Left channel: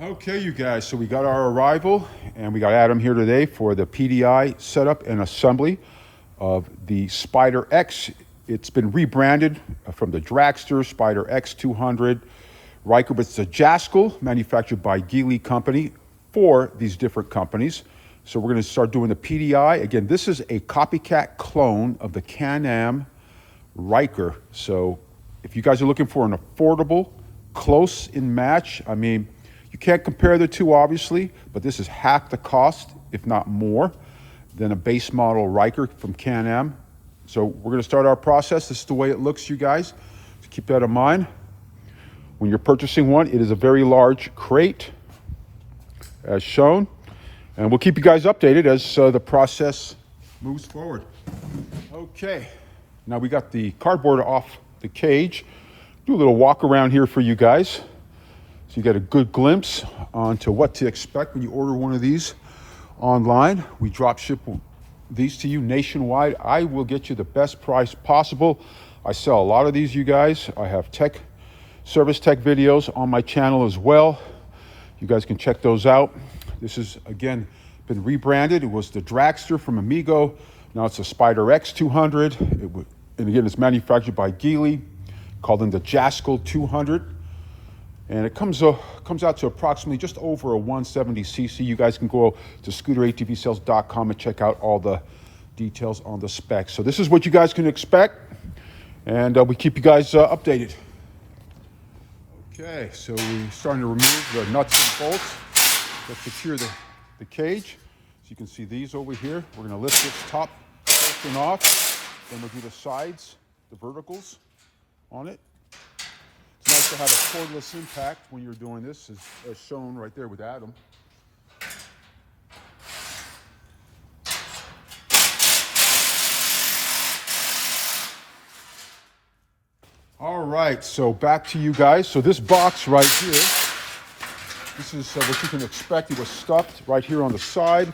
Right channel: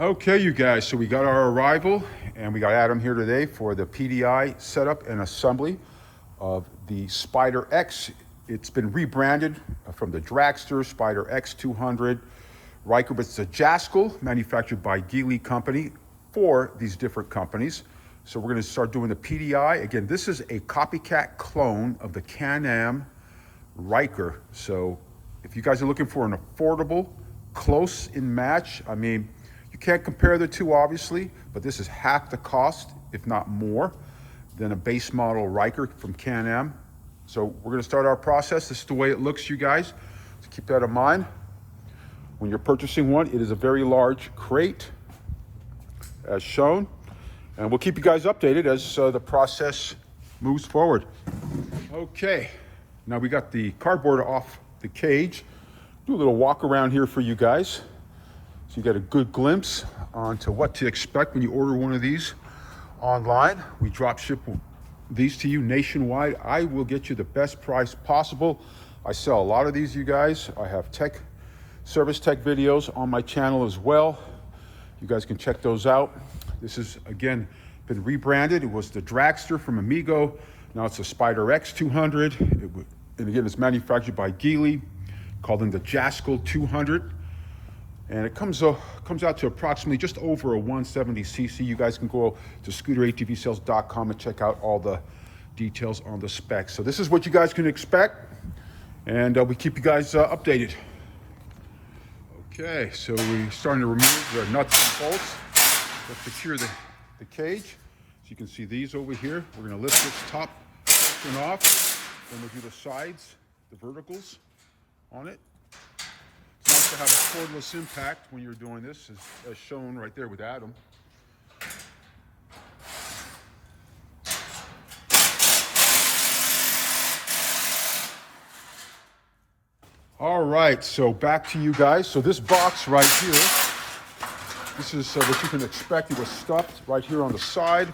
Okay, you guys, so we got our arrival and we got Adam here today for the PDI setup and assembly of the Spider X. It's been rebranded from the Dragster Spider X200 Ryker, but it's a JASSCOL manufactured by Geely Company for these different companies. So we're going to start doing the PDI. Again, this is a copycat clone of the Can-Am Ryker. So if you guys are looking for an affordable, close in match, I mean, you can't compare the two, obviously, but this is half the cost, if not more, than a base model Ryker from Can-Am. So we're going to start our process. This is the way it looks, you guys. So keep that in mind. When you're purchasing one, it is a very large crate, as shown. And we'll keep you guys updated as the process moves forward. Okay, now we got the cardboard off the cage. Do a little walk around here for you guys, so you get a good glimpse onto what to expect when you order one of these online. We drop ship these to you nationwide. I will get you the best price possible. I sell a lot of these, you guys. I have service tech videos on my channel as well. You guys can check those out. This is, again, been rebranded. It was the Dragster from Amigo. Now it's the Spider X200. And again, it's manufactured by Geely, called in the JASSCOL 200. And it comes out to approximately just over a 170cc. You guys can go to scooter-atvsales.com and check out all the details on the specs. So this is what you guys can expect, and we keep you guys updated. Okay, so we're starting to remove the nuts and bolts to secure the cage. As you can see these over here, we're going to lift this top portion off, then we'll do the sides, the verticals on it. It's nice to have a cordless impact when you're doing this, as shown right there with Adam. All right, so back to you guys. So this box right here, this is what you can expect. It was stuffed right here on the side.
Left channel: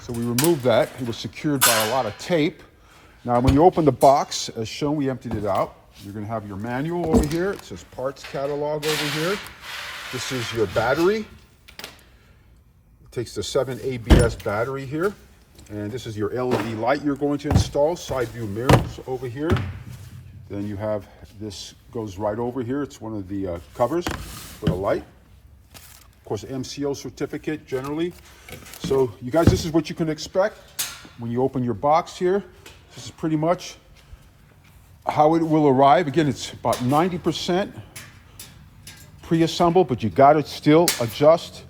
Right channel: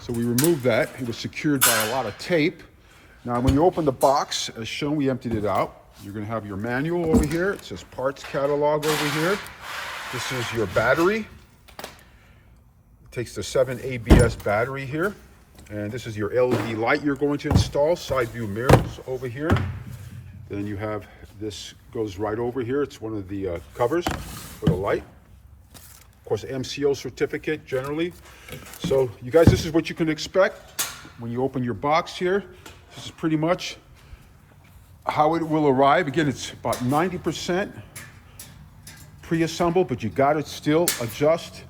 So we removed that. It was secured by a lot of tape. Now, when you open the box, as shown, we emptied it out. You're going to have your manual over here. It says parts catalog over here. This is your battery. It takes the 7 ABS battery here. And this is your LED light you're going to install. Side view mirrors over here. Then you have this goes right over here. It's one of the covers for the light. Of course, MCO certificate generally. So you guys, this is what you can expect when you open your box here. This is pretty much how it will arrive. Again, it's about 90% pre-assembled, but you got to still adjust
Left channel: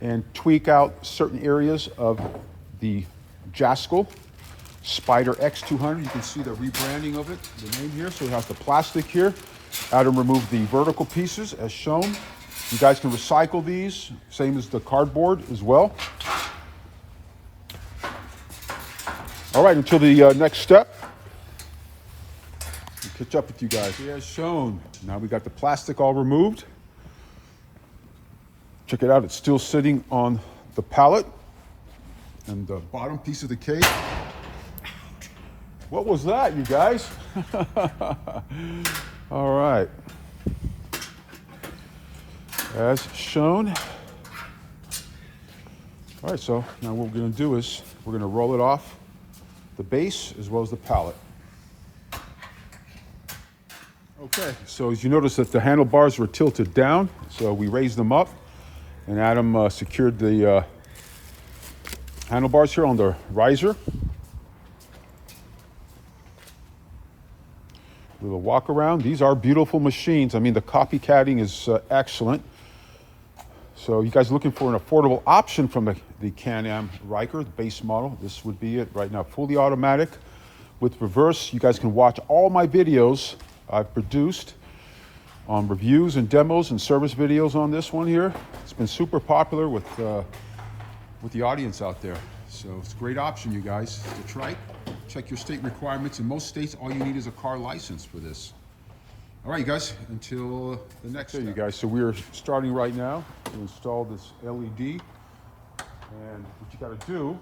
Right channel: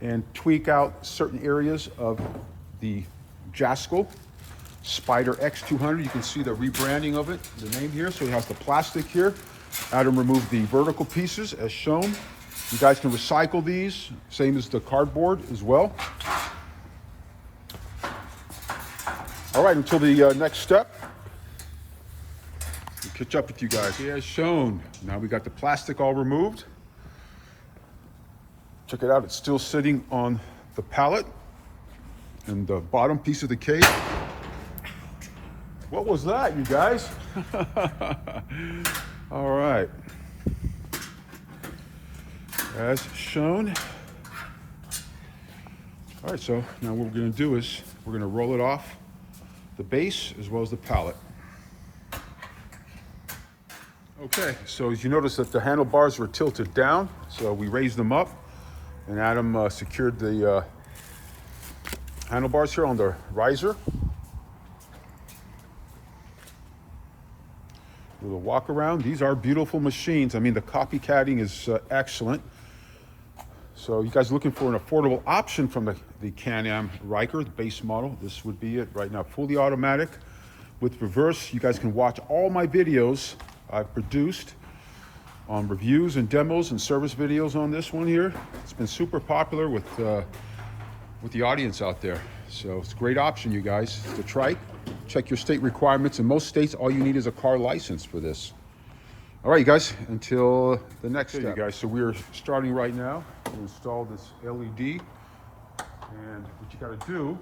and tweak out certain areas of the JASSCOL Spider X200. You can see the rebranding of it, the name here. So it has the plastic here. Adam removed the vertical pieces as shown. You guys can recycle these, same as the cardboard as well. All right, until the next step. We'll catch up with you guys. Yeah, as shown. Now we got the plastic all removed. Check it out, it's still sitting on the pallet and the bottom piece of the cage. What was that, you guys? All right. As shown. All right, so now what we're going to do is we're going to roll it off the base as well as the pallet. Okay, so as you notice that the handlebars were tilted down, so we raised them up, and Adam secured the handlebars here on the riser. Do a walk around. These are beautiful machines. I mean, the copycatting is excellent. So you guys looking for an affordable option from the Can-Am Ryker, the base model, this would be it right now. Fully automatic with reverse. You guys can watch all my videos I've produced on reviews and demos and service videos on this one here. It's been super popular with the audience out there. So it's a great option, you guys. It's the TRIKE. Check your state requirements. In most states, all you need is a car license for this. All right, you guys, until the next step. You guys, so we're starting right now to install this LED. And what you got to do,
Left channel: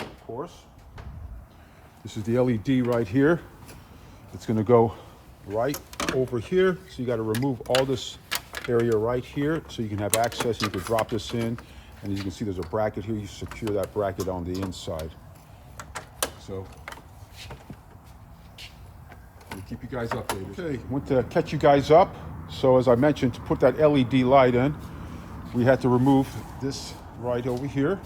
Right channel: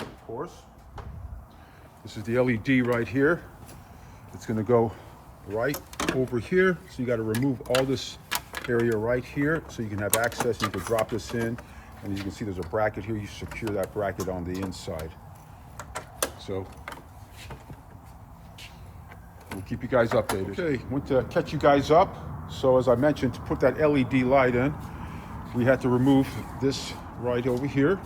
of course, this is the LED right here. It's going to go right over here. So you got to remove all this area right here, so you can have access. You can drop this in, and as you can see, there's a bracket here. You secure that bracket on the inside. So we'll keep you guys updated. Okay, want to catch you guys up. So as I mentioned, to put that LED light in, we had to remove this right over here.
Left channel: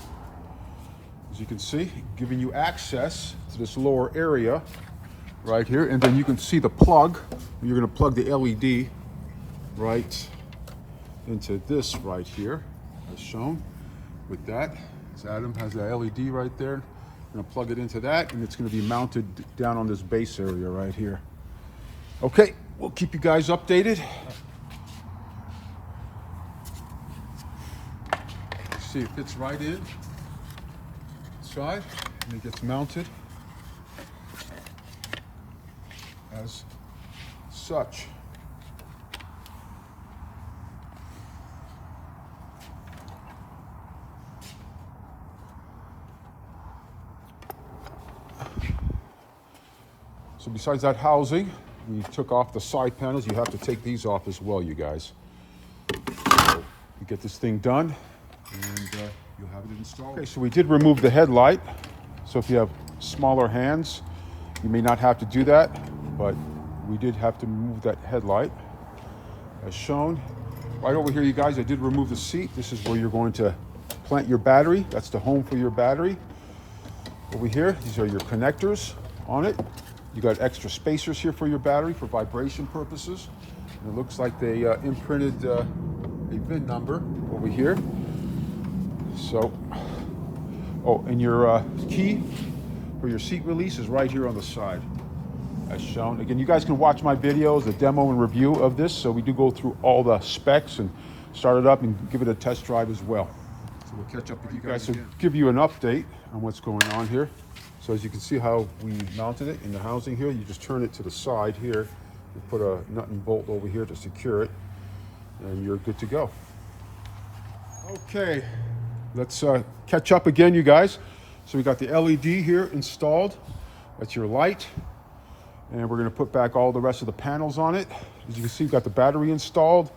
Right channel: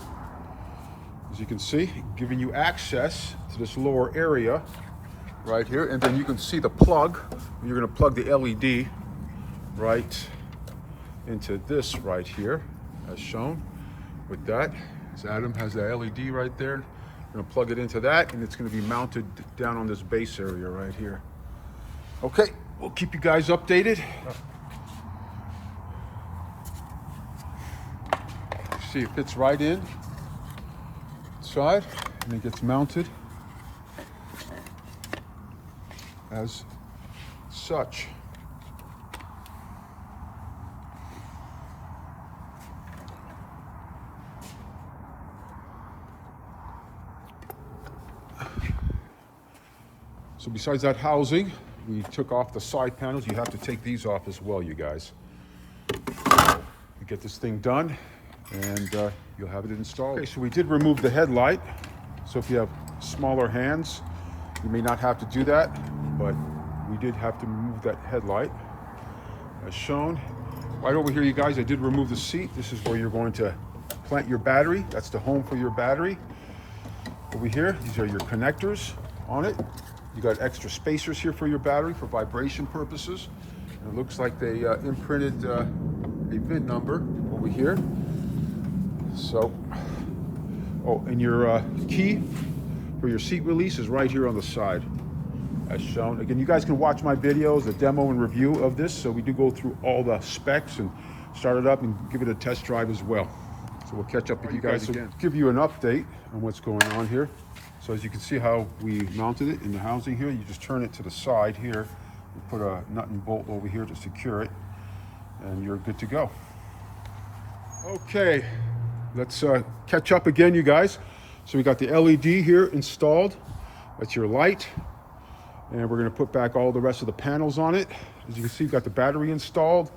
As you can see, giving you access to this lower area right here. And then you can see the plug. You're going to plug the LED right into this right here, as shown with that. As Adam has the LED right there. I'm going to plug it into that, and it's going to be mounted down on this base area right here. Okay, we'll keep you guys updated. See, it fits right in side, and it gets mounted as such. So besides that housing, we took off the side panels. You have to take these off as well, you guys. We get this thing done, and you'll have it installed. Okay, so we did remove the headlight. So if you have smaller hands, you may not have to do that, but we did have to remove that headlight, as shown. Right over here, you guys, I did remove the seat. This is where you're going to plant your battery. That's the home for your battery. Over here, these are your connectors on it. You got extra spacers here for your battery for vibration purposes. And it looks like they imprinted a VIN number over here. So, oh, and your key for your seat release is right here on the side, as shown. Again, you guys can watch my videos, a demo and review of this. So we do go through all the specs and start it up and give it a test drive as well. So we'll catch up with you guys again. Give you an update on what's going on here. So as you can see how we mounted it in the housing here, you just turn it to the side here, and put a nut and bolt over here to secure it, and you're good to go. Okay, let's catch up again, you guys. So we got the LED here installed. That's your light. And we're gonna put back all the rest of the panels on it. As you can see, we've got the battery installed.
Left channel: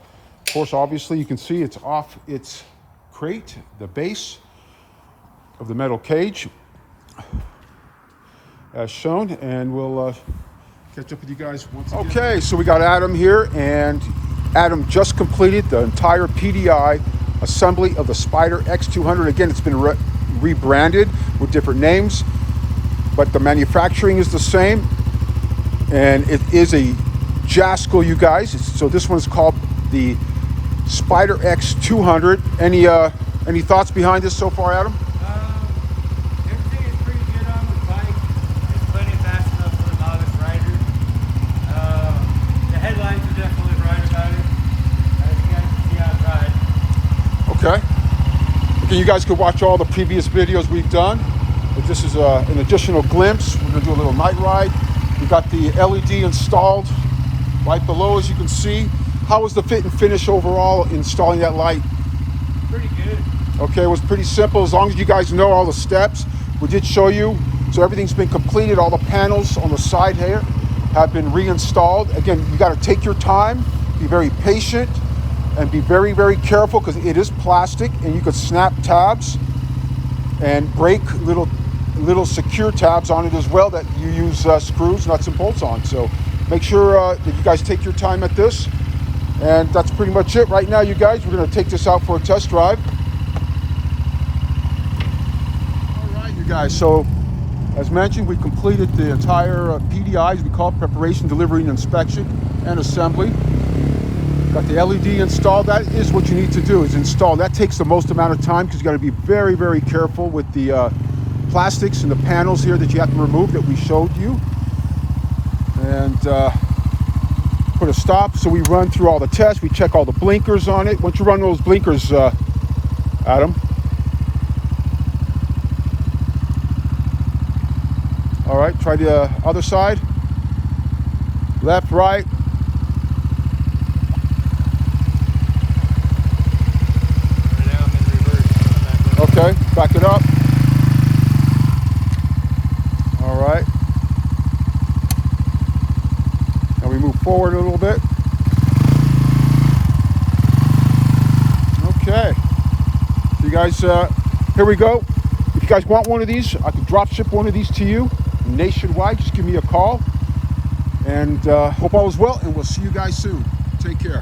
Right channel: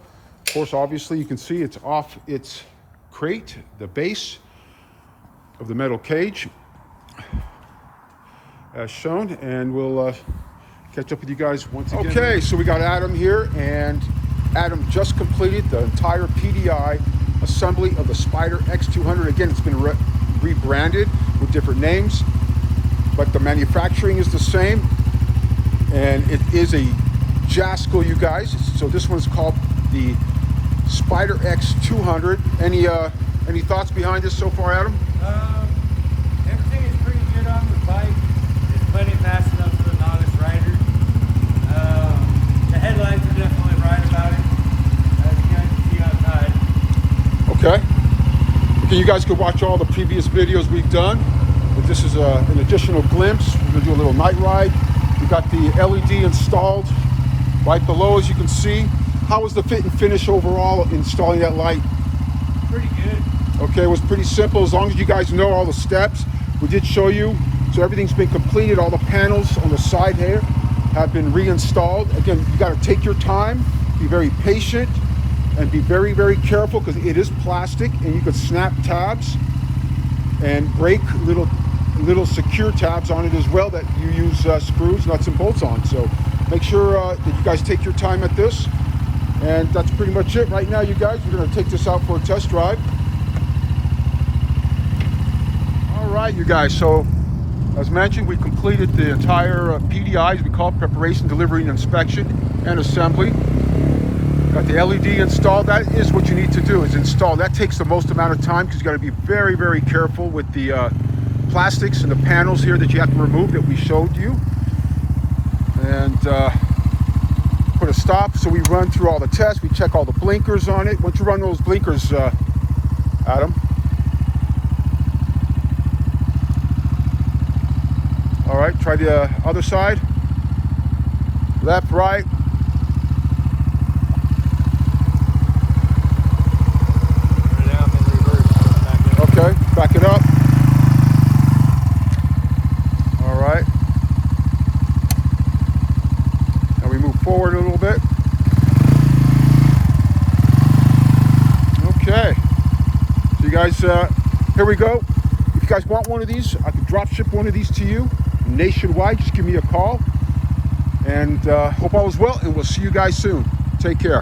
Of course, obviously, you can see it's off its crate, the base of the metal cage, as shown, and we'll catch up with you guys once again. Okay, so we got Adam here, and Adam just completed the entire PDI assembly of the Spyder X200. Again, it's been rebranded with different names, but the manufacturing is the same, and it is a JASSCOL, you guys. So this one's called the Spyder X200. Any thoughts behind this so far, Adam? Everything is pretty good on the bike. It's plenty fast enough for the novice rider. The headlights are definitely right about it, as you guys can see outside. Okay. Again, you guys can watch all the previous videos we've done. But this is an additional glimpse. We're going to do a little night ride. We got the LED installed right below, as you can see. How was the fit and finish overall installing that light? Pretty good. Okay, it was pretty simple, as long as you guys know all the steps. We did show you, so everything's been completed. All the panels on the side here have been reinstalled. Again, you got to take your time, be very patient, and be very, very careful, because it is plastic, and you could snap tabs and break little secure tabs on it as well that you use screws, nuts, and bolts on. So make sure that you guys take your time at this. And that's pretty much it right now, you guys. We're going to take this out for a test drive. All right, you guys. So, as mentioned, we completed the entire PDI, as we call it, preparation, delivery, and inspection, and assembly. Got the LED installed. That is what you need to do, is install. That takes the most amount of time, because you got to be very, very careful with the plastics and the panels here that you have to remove that we showed you. And put a stop. So we run through all the tests. We check all the blinkers on it. Once you run those blinkers, Adam. All right, try the other side. Left, right. Right now I'm in reverse. Okay, back it up. All right. Now we move forward a little bit. guys, here we go. If you guys want one of these, I could drop ship one of these to you nationwide. Just give me a call. And hope all is well, and we'll see you guys soon. Take care.